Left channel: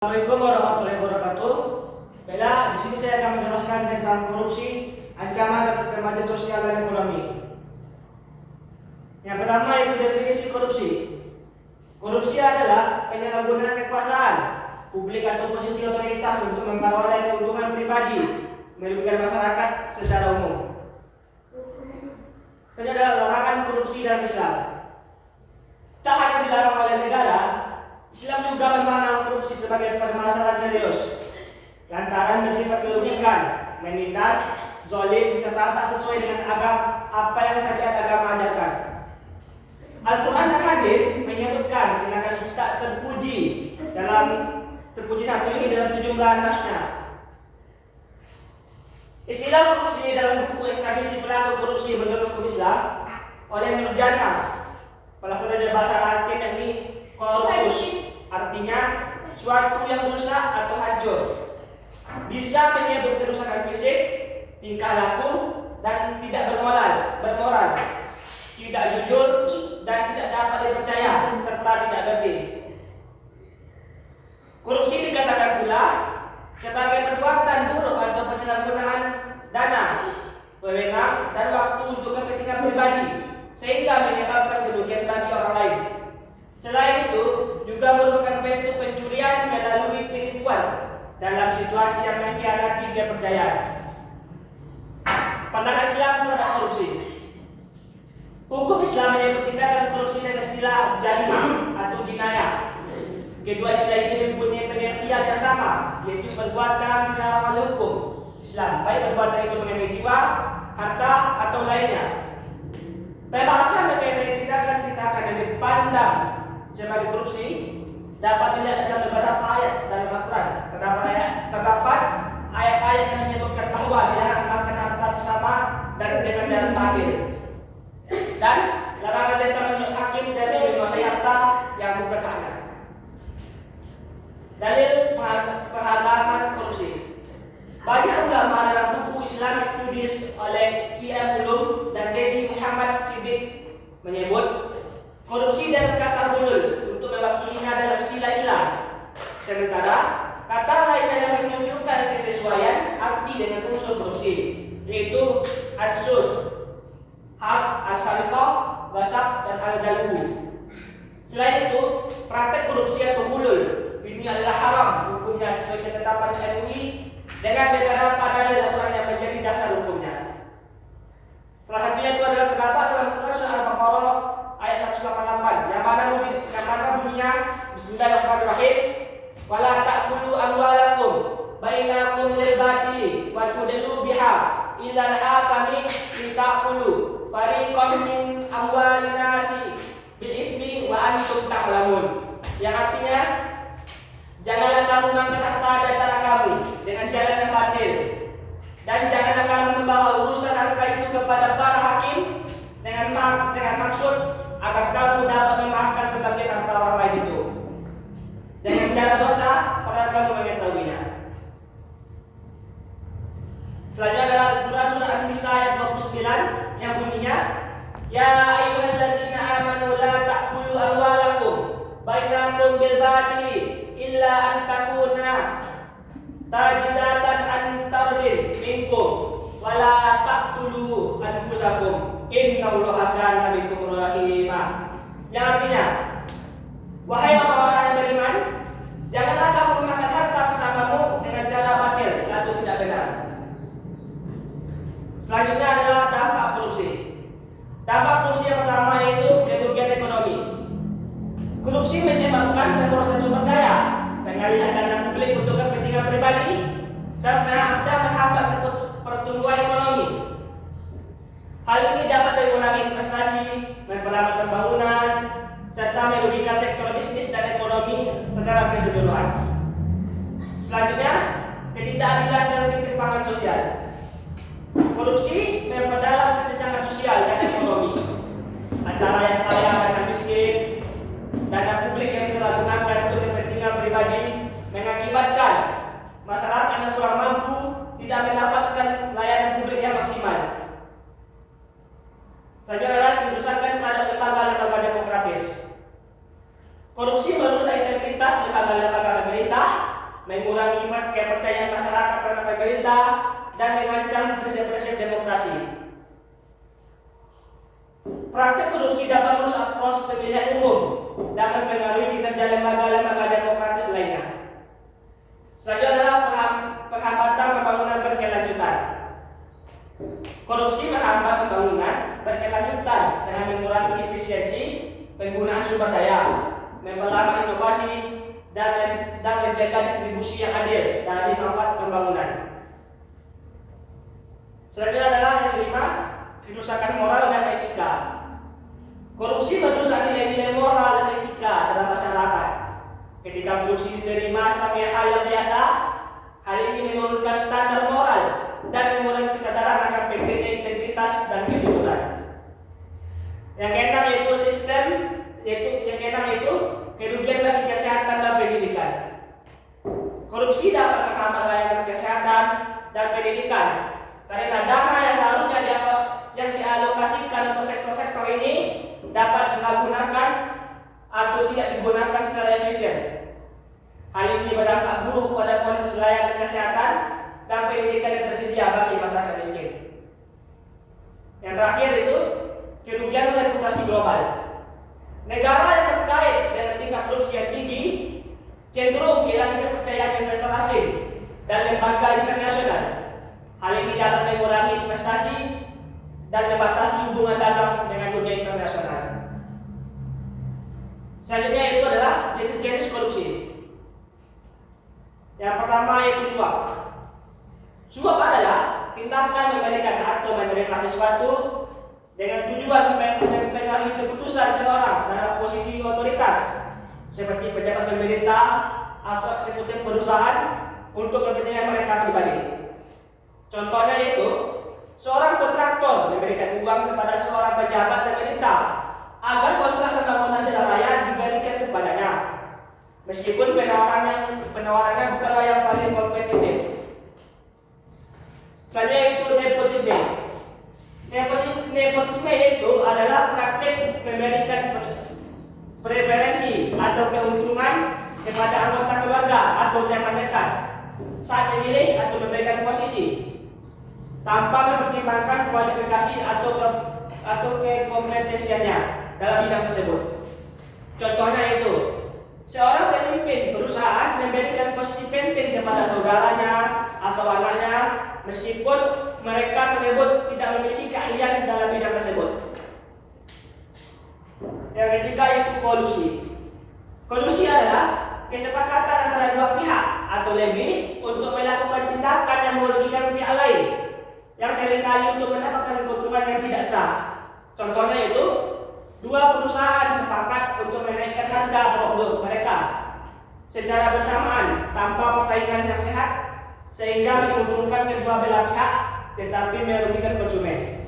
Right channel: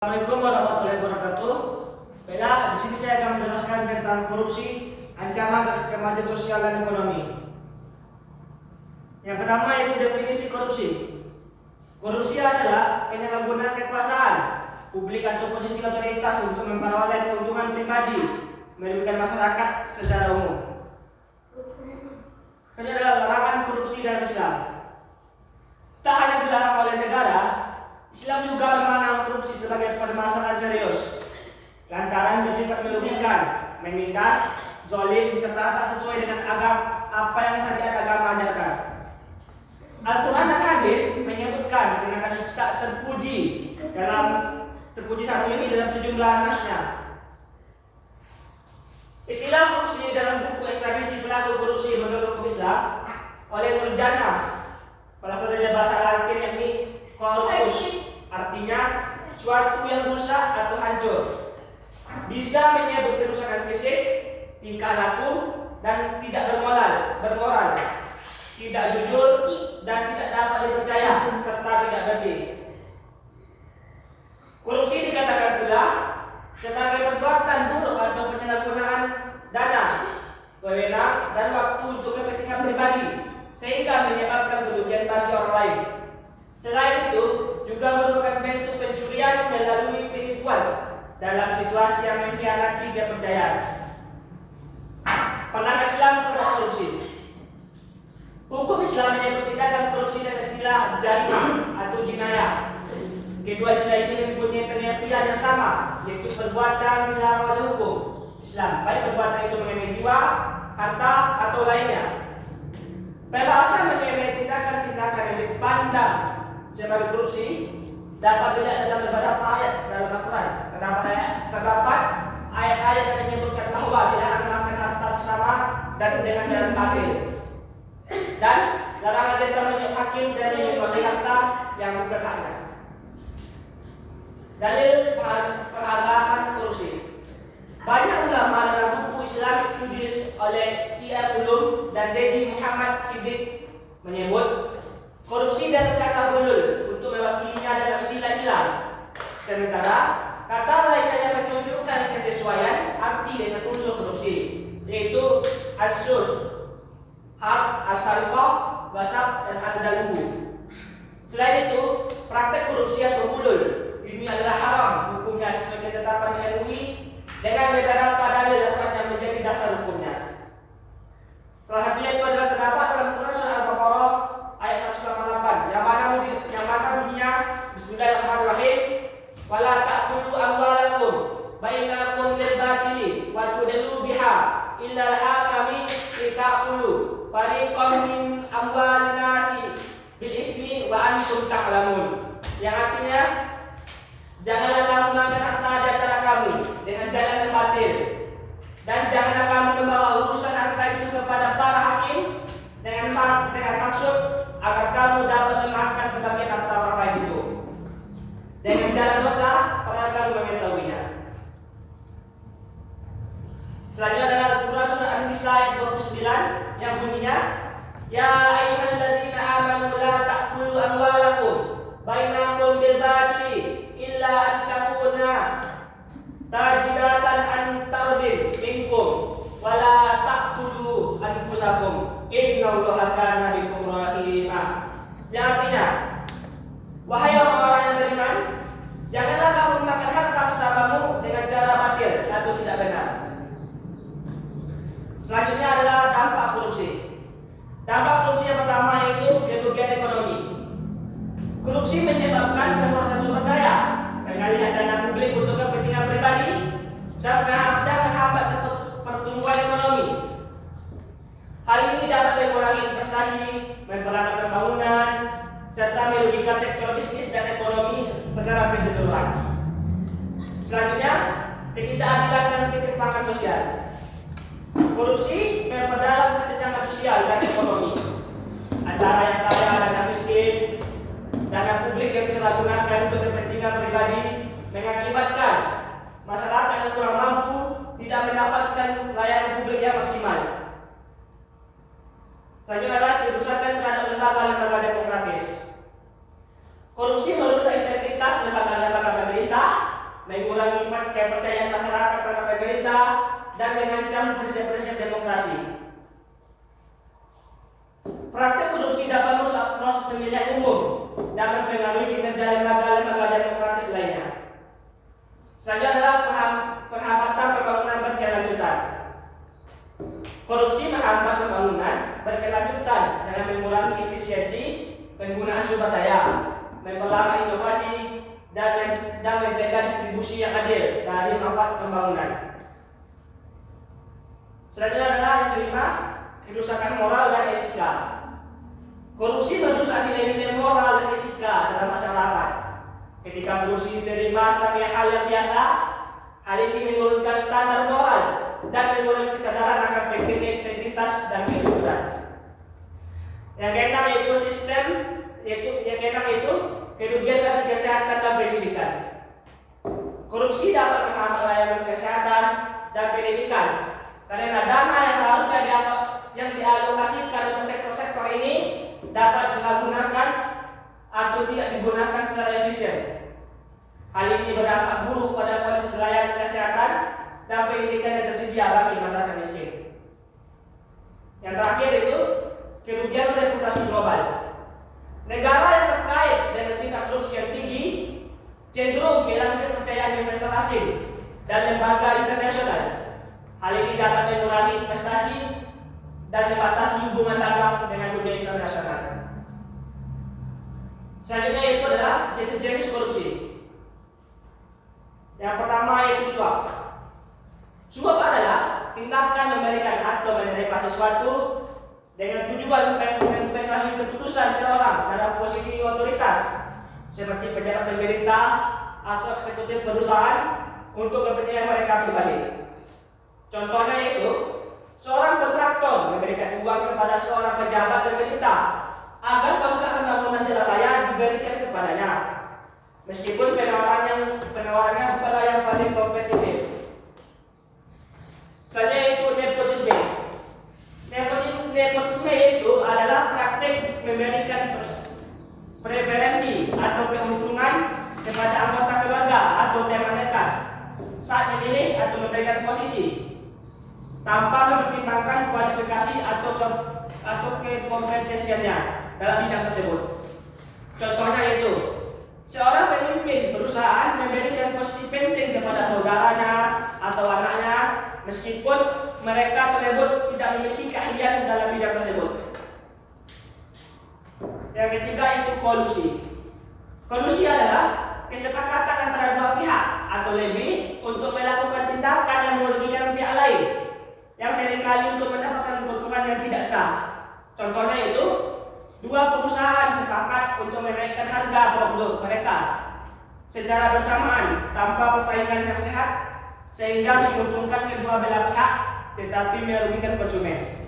Assalamualaikum warahmatullahi wabarakatuh. Baiklah, di sini saya akan menjelaskan tentang korupsi, ancaman terhadap kemajuan sosial dan ekonomi. Yang pertama yaitu definisi korupsi. Korupsi adalah penyalahgunaan kekuasaan publik atau posisi otoritas untuk memperoleh keuntungan pribadi, merugikan masyarakat secara umum. Ini adalah larangan korupsi dalam Islam. Tak hanya dilarang oleh negara, Islam juga memandang korupsi sebagai permasalahan serius lantaran bersifat merugikan, menindas, zalim, serta tak sesuai dengan apa yang syariat agama ajarkan. Al-Quran dan hadis menyebutkan tindakan tak terpuji satu ini dalam sejumlah nasnya. Istilah korupsi dalam buku ekstradisi pelaku korupsi menurut hukum Islam oleh Nurjana, pelaksana bahasa Latin yakni corpus, artinya suatu yang rusak atau hancur. Bisa menyebut kerusakan fisik, tingkah laku, dan tidak bermoral, tidak jujur, dan tidak dapat dipercaya, serta tidak bersih. Korupsi dikatakan pula sebagai perbuatan buruk atau penyalahgunaan dana, wewenang, dan waktu untuk kepentingan pribadi, sehingga menyebabkan kerugian bagi orang lain. Selain itu, juga merupakan bentuk pencurian melalui penipuan dalam situasi yang mengkhianati kepercayaan. Pandangan Islam terhadap korupsi. Hukum Islam menyebut tindakan korupsi dengan istilah jarim atau jinayah. Kedua istilah ini mempunyai pengertian yang sama, yaitu perbuatan dilarang oleh hukum Islam, baik perbuatan itu mengenai jiwa, harta, atau lainnya. Pembahasan mengenai tindakan-tindakan yang dipandang sebagai korupsi dapat dilihat dalam beberapa ayat dalam Al-Quran. Terdapat ayat-ayat yang menyebutkan bahwa dilarang makan harta sesama dan dengan jalan batil, dan larangan tentang menunjuk hakim dan menguasai harta yang bukan haknya. Dalil penghalangan korupsi. Banyak ulama dalam buku Islamic Studies oleh I.M. Ulum dan Dedi Muhammad Siddiq menyebut korupsi dan kata hulul untuk mewakilinya dalam istilah Islam. Sementara kata lainnya yang menunjukkan kesesuaian arti dengan unsur korupsi, yaitu asus, hab, asarqah, gasab, dan al-dalu. Selain itu, praktek korupsi atau hulul ini adalah haram hukumnya sesuai ketetapan MUI dengan beberapa dalil yang menjadi dasar hukumnya. Salah satunya itu adalah terdapat dalam Quran surah Al-Baqarah ayat 188 yang mana bunyinya Bismillahirrahmanirrahim, wala ta'kulu amwalakum bainakum bil batili wa tudlu biha illa al-hakami litaqulu fariqam min amwalin nasi bil ismi wa antum ta'lamun, yang artinya janganlah kamu makan harta di antara kamu dengan jalan yang batil, dan janganlah kamu membawa urusan harta itu kepada para hakim dengan maksud agar kamu dapat memakan sebagian harta orang lain itu dengan jalan dosa padahal kamu mengetahuinya. Selanjutnya adalah Quran surah An-Nisa ayat 29 yang bunyinya, ya ayyuhallazina amanu la ta'kulu amwalakum bainakum bil batili illa an takuna tajidatan an tardin minkum wala taqtulu anfusakum innallaha kana bikum rahimah, yang artinya, wahai orang-orang yang beriman, janganlah kamu memakan harta sesamamu dengan cara batil atau tidak benar. Selanjutnya adalah dampak korupsi. Dampak korupsi yang pertama yaitu kerugian ekonomi. Korupsi menyebabkan pemborosan sumber daya, pengalihan dana publik untuk kepentingan pribadi, dan menghambat pertumbuhan ekonomi. Hal ini dapat mengurangi investasi, memperlambat pembangunan, serta merugikan sektor bisnis dan ekonomi secara keseluruhan. Selanjutnya, ketidakadilan dan ketimpangan sosial. Korupsi memperdalam kesenjangan sosial dan ekonomi antara yang kaya dan yang miskin. Dana publik yang disalahgunakan untuk kepentingan pribadi mengakibatkan masyarakat yang kurang mampu tidak mendapatkan layanan publik yang maksimal. Selanjutnya adalah kerusakan terhadap lembaga-lembaga demokratis. Korupsi merusak integritas lembaga-lembaga pemerintah mengurangi kepercayaan masyarakat terhadap pemerintah, dan mengancam prinsip-prinsip demokrasi. Praktik korupsi dapat merusak proses pemilihan umum dan mempengaruhi kinerja lembaga-lembaga demokratis lainnya. Selanjutnya adalah penghambatan pembangunan berkelanjutan. Korupsi menghambat pembangunan berkelanjutan dengan mengurangi efisiensi penggunaan sumber daya, memperlambat inovasi, dan mencegah distribusi yang adil dari manfaat pembangunan. Selanjutnya adalah yang kelima, kerusakan moral dan etika. Korupsi merusak nilai-nilai moral dan etika dalam masyarakat. Ketika korupsi diterima sebagai hal yang biasa, hal ini menurunkan standar moral dan mengurangi kesadaran akan pentingnya integritas dan kejujuran. Yang keenam yaitu kerugian bagi kesehatan dan pendidikan. Korupsi dapat menghambat layanan kesehatan dan pendidikan karena dana yang seharusnya yang dialokasikan untuk sektor-sektor ini dapat disalahgunakan atau tidak digunakan secara efisien. Hal ini berdampak buruk pada kualitas layanan kesehatan dan pendidikan yang tersedia bagi masyarakat miskin. Yang terakhir itu kerugian reputasi global. Negara yang terkait dengan tingkat korupsi yang tinggi cenderung kehilangan kepercayaan investor asing dan lembaga internasional. Hal ini dapat mengurangi investasi dan membatasi hubungan dagang dengan dunia internasional. Selanjutnya itu adalah jenis-jenis korupsi. Yang pertama yaitu suap. Suap adalah tindakan memberikan atau menerima sesuatu dengan tujuan mempengaruhi keputusan seorang dalam posisi otoritas, seperti pejabat pemerintah atau eksekutif perusahaan untuk kepentingan mereka pribadi. Contohnya yaitu seorang kontraktor memberikan uang kepada seorang pejabat pemerintah agar kontrak pembangunan jalan raya diberikan kepadanya, meskipun penawarannya bukanlah yang paling kompetitif. Selanjutnya itu nepotisme. Nepotisme itu adalah praktik memberikan preferensi atau keuntungan kepada anggota keluarga atau teman dekat saat memilih atau memberikan posisi tanpa mempertimbangkan kualifikasi atau kekompetensiannya dalam bidang tersebut. Contohnya itu seorang pemimpin perusahaan memberikan posisi penting kepada saudaranya atau anaknya meskipun mereka tersebut tidak memiliki keahlian dalam bidang tersebut. Yang ketiga itu kolusi. Kolusi adalah kesepakatan antara dua pihak atau lebih untuk melakukan tindakan yang merugikan pihak lain yang seringkali untuk mendapatkan keuntungan yang tidak sah. Contohnya itu dua perusahaan sepakat untuk menaikkan harga produk mereka secara bersamaan tanpa persaingan yang sehat sehingga menguntungkan kedua belah pihak tetapi merugikan konsumen.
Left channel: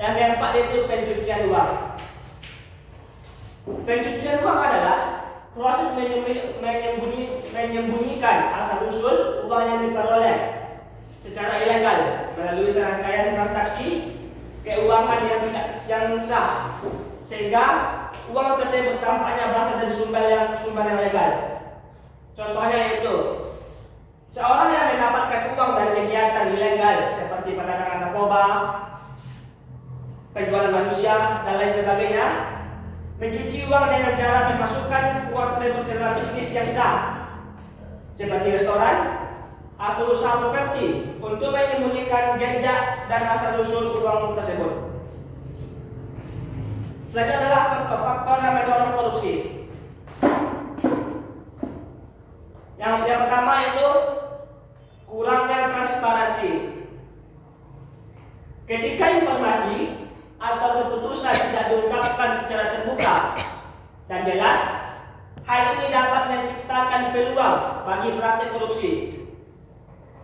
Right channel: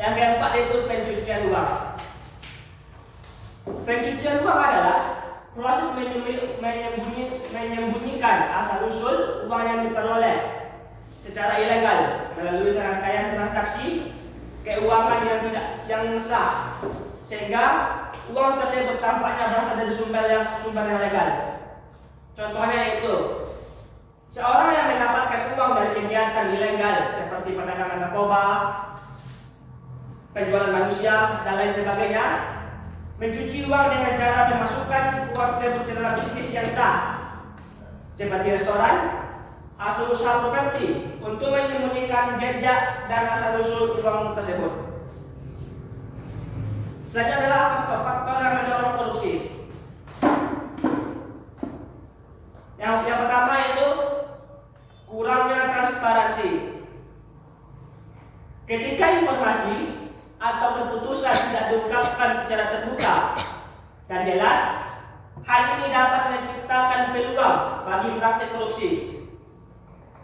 Yang keempat itu pencucian uang. Pencucian uang adalah proses menyembunyikan asal usul uang yang diperoleh secara ilegal melalui serangkaian transaksi keuangan yang sah, sehingga uang tersebut tampaknya berasal dari sumber yang legal. Contohnya itu seorang yang mendapatkan uang dari kegiatan ilegal seperti perdagangan narkoba, penjualan manusia, dan lain sebagainya, mencuci uang dengan cara memasukkan uang tersebut ke dalam bisnis yang sah, seperti restoran atau usaha properti, untuk menyembunyikan jejak dan asal-usul uang tersebut. Selanjutnya adalah faktor-faktor yang mendorong korupsi. Yang pertama itu kurangnya transparansi. Ketika informasi atau keputusan tidak diungkapkan secara terbuka dan jelas, hal ini dapat menciptakan peluang bagi praktik korupsi.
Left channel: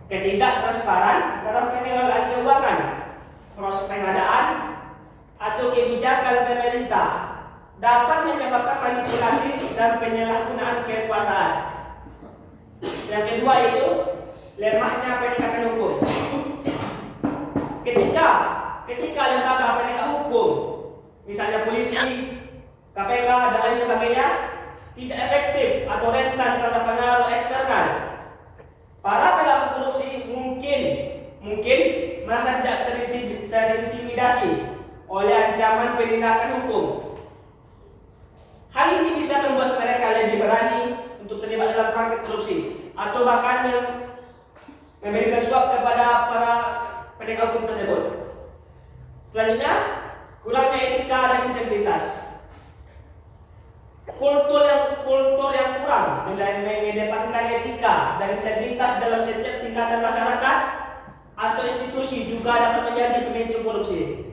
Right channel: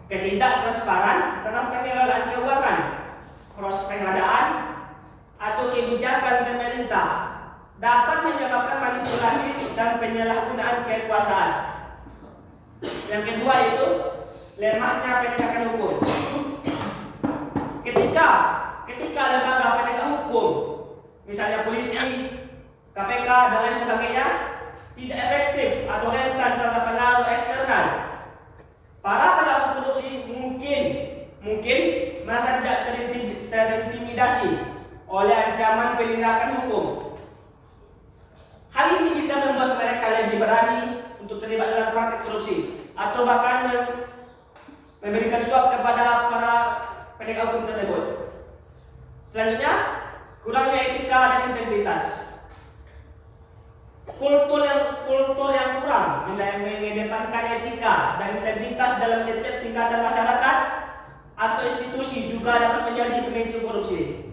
Ketidaktransparan dalam pengelolaan keuangan, proses pengadaan, atau kebijakan pemerintah dapat menyebabkan manipulasi dan penyalahgunaan kekuasaan. Yang kedua itu lemahnya penegakan hukum. Ketika lembaga penegak hukum, misalnya polisi, KPK, dan lain sebagainya, tidak efektif atau rentan terhadap pengaruh eksternal. Para pelaku korupsi mungkin merasa tidak terintimidasi oleh ancaman penindakan hukum. Hal ini bisa membuat mereka lebih berani untuk terlibat dalam praktik korupsi atau bahkan memberikan suap kepada para penegak hukum tersebut. Selanjutnya, kurangnya etika dan integritas. Kultur yang kurang mengedepankan etika dan integritas dalam setiap tingkatan masyarakat atau institusi juga dapat menjadi pemicu korupsi.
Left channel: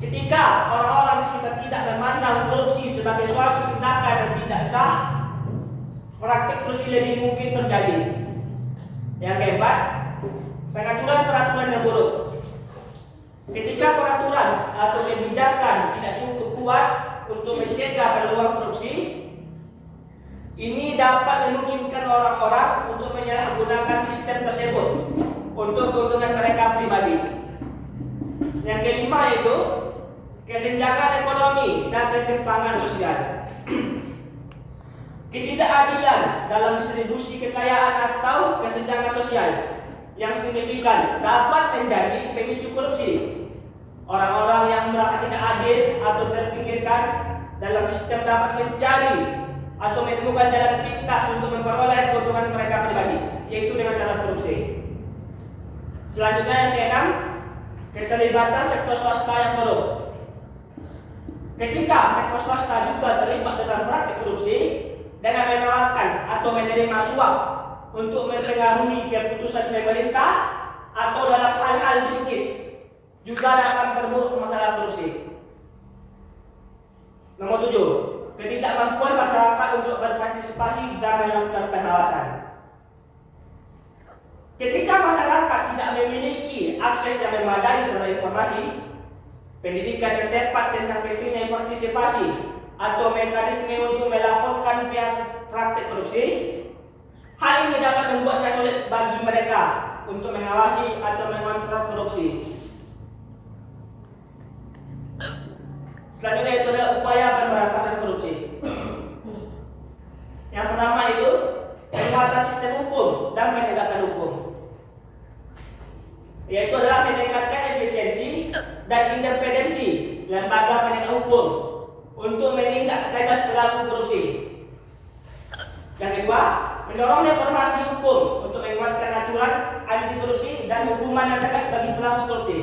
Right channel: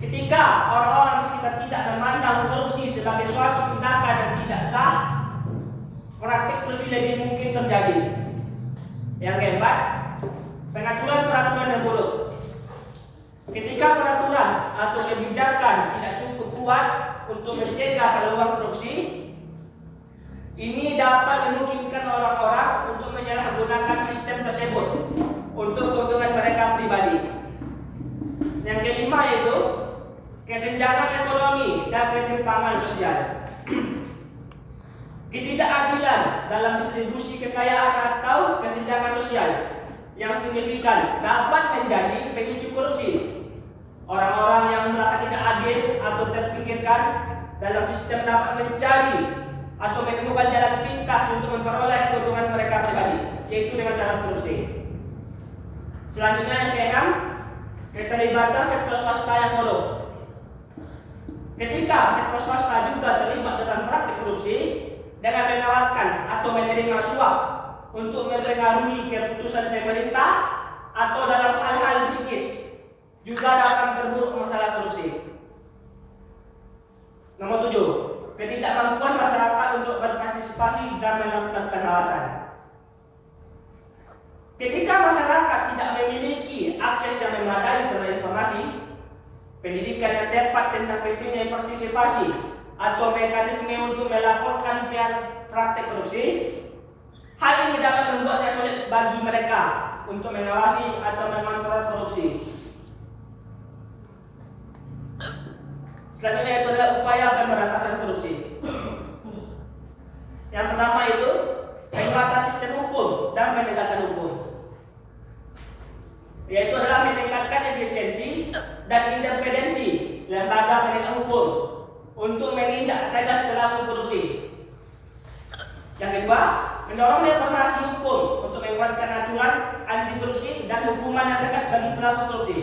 Ketika orang-orang di sekitar tidak memandang korupsi sebagai suatu tindakan yang tidak sah, praktik korupsi lebih mungkin terjadi. Yang keempat, pengaturan peraturan yang buruk. Ketika peraturan atau kebijakan tidak cukup kuat untuk mencegah peluang korupsi, ini dapat memungkinkan orang-orang untuk menyalahgunakan sistem tersebut untuk keuntungan mereka pribadi. Yang kelima yaitu kesenjangan ekonomi dan ketimpangan sosial. Ketidakadilan dalam distribusi kekayaan atau kesenjangan sosial yang signifikan dapat menjadi pemicu korupsi. Orang-orang yang merasa tidak adil atau terpinggirkan dalam sistem dapat mencari atau menemukan jalan pintas untuk memperoleh keuntungan mereka pribadi, yaitu dengan cara korupsi. Selanjutnya yang keenam, keterlibatan sektor swasta yang korup. Ketika sektor swasta juga terlibat dalam praktik korupsi dengan menawarkan atau menerima suap untuk mempengaruhi keputusan pemerintah atau dalam hal-hal bisnis, juga dapat memperburuk masalah korupsi. Nomor 7, ketidakmampuan masyarakat untuk berpartisipasi dalam melakukan pengawasan. Ketika masyarakat tidak memiliki akses yang memadai terhadap informasi, pendidikan yang tepat tentang pentingnya partisipasi atau mekanisme untuk melaporkan praktik korupsi, hal ini dapat membuatnya sulit bagi mereka untuk mengawasi atau mengontrol korupsi. Selanjutnya itu adalah upaya pemberantasan korupsi. Yang pertama itu penguatan sistem hukum dan penegakan hukum, yaitu adalah meningkatkan efisiensi dan independensi lembaga penegak hukum untuk menindak tegas pelaku korupsi. Yang kedua, mendorong reformasi hukum untuk menguatkan aturan anti korupsi dan hukuman yang tegas bagi pelaku korupsi.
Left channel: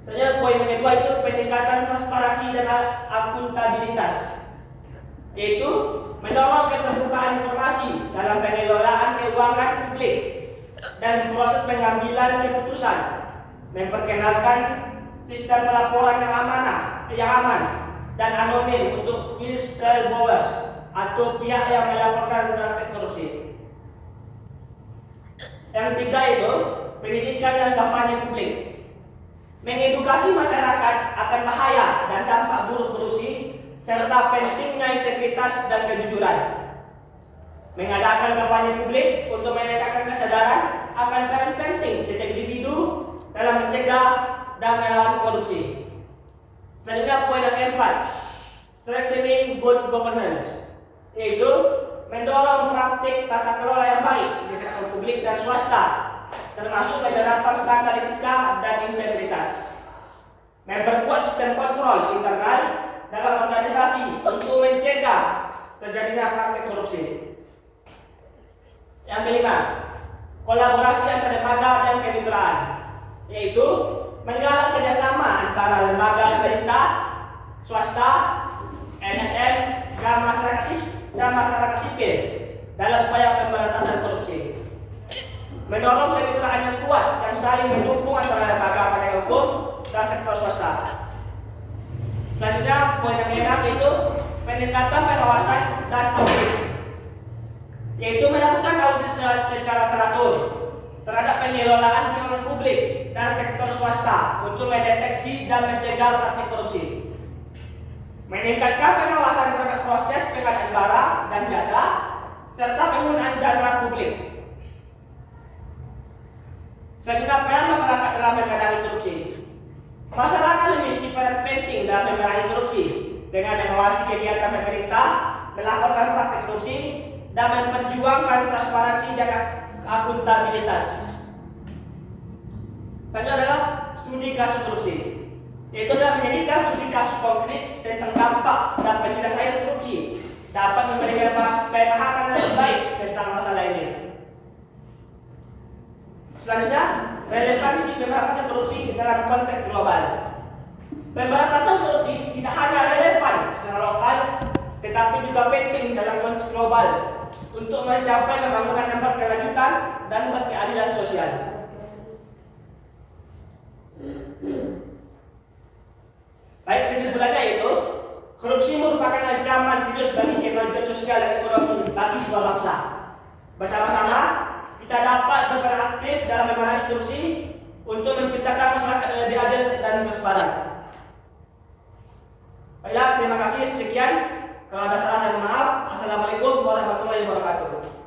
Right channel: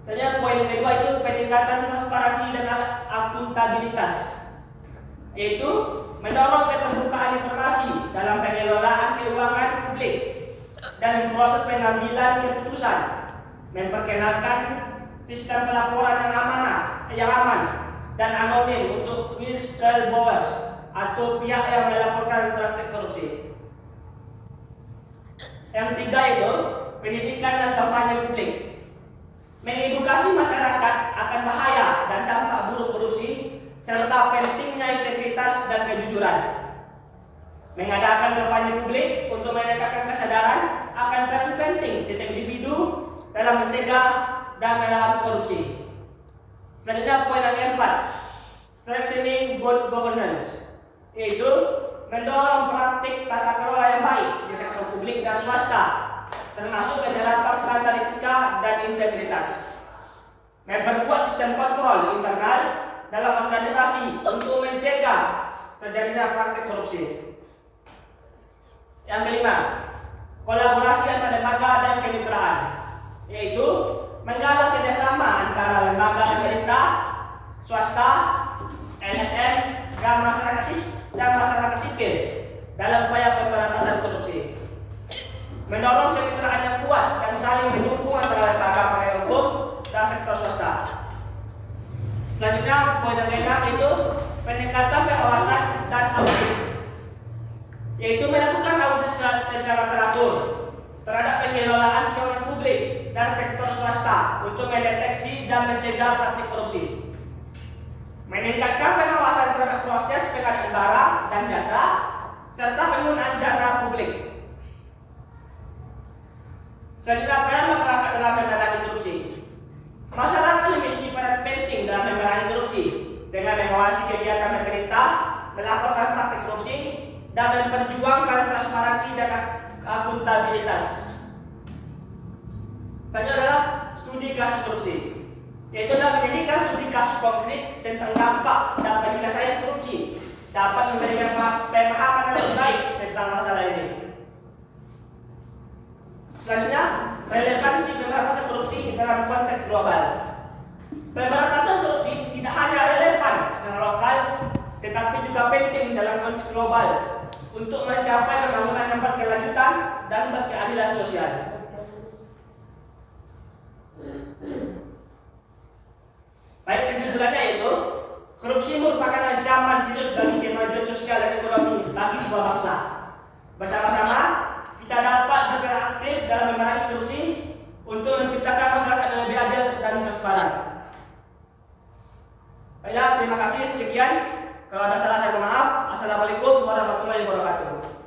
Selanjutnya poin yang kedua itu peningkatan transparansi dan akuntabilitas, yaitu mendorong keterbukaan informasi dalam pengelolaan keuangan publik dan proses pengambilan keputusan, memperkenalkan sistem pelaporan yang aman dan anonim untuk whistleblowers atau pihak yang melaporkan praktik korupsi. Yang ketiga itu pendidikan dan kampanye publik, mengedukasi masyarakat akan bahaya dan dampak buruk korupsi serta pentingnya integritas dan kejujuran. Mengadakan kampanye publik untuk meningkatkan kesadaran akan peran penting setiap individu dalam mencegah dan melawan korupsi. Selanjutnya poin yang keempat, strengthening good governance, yaitu mendorong praktik tata kelola yang baik di sektor publik dan swasta, termasuk penerapan standar etika dan integritas. Memperkuat sistem kontrol internal dalam organisasi untuk mencegah terjadinya praktik korupsi. Yang kelima, kolaborasi antar lembaga dan kemitraan, yaitu menggalak kerjasama antara lembaga pemerintah, swasta, LSM, dan masyarakat sipil dalam upaya pemberantasan korupsi. Mendorong kemitraan yang kuat dan saling mendukung antara lembaga penegak hukum dan sektor swasta. Selanjutnya poin yang keenam itu peningkatan pengawasan dan audit, yaitu melakukan audit secara teratur terhadap pengelolaan keuangan publik dan sektor swasta untuk mendeteksi dan mencegah praktik korupsi. Meningkatkan pengawasan terhadap proses pengadaan barang dan jasa serta penggunaan dana publik. Selanjutnya peran masyarakat dalam memerangi korupsi. Masyarakat memiliki peran penting dalam memerangi korupsi dengan mengawasi kegiatan pemerintah, melakukan praktek korupsi, dan memperjuangkan transparansi dan akuntabilitas. Tanya adalah studi kasus korupsi, yaitu adalah menjadikan studi kasus konkret tentang dampak dan penyelesaian korupsi dapat memberikan pemahaman lebih baik tentang masalah ini. Selanjutnya, relevansi pemberantasan korupsi dalam konteks global. Pemberantasan korupsi tidak hanya relevan secara lokal, tetapi juga penting dalam konteks global untuk mencapai pembangunan yang berkelanjutan dan berkeadilan sosial. Baik, kesimpulannya yaitu korupsi merupakan ancaman serius bagi kemajuan sosial dan ekonomi bagi sebuah bangsa. Bersama-sama kita dapat berperan aktif dalam memerangi korupsi untuk menciptakan masyarakat yang lebih adil dan transparan. Baiklah, terima kasih. Sekian. Kalau ada salah saya mohon maaf. Assalamualaikum warahmatullahi wabarakatuh.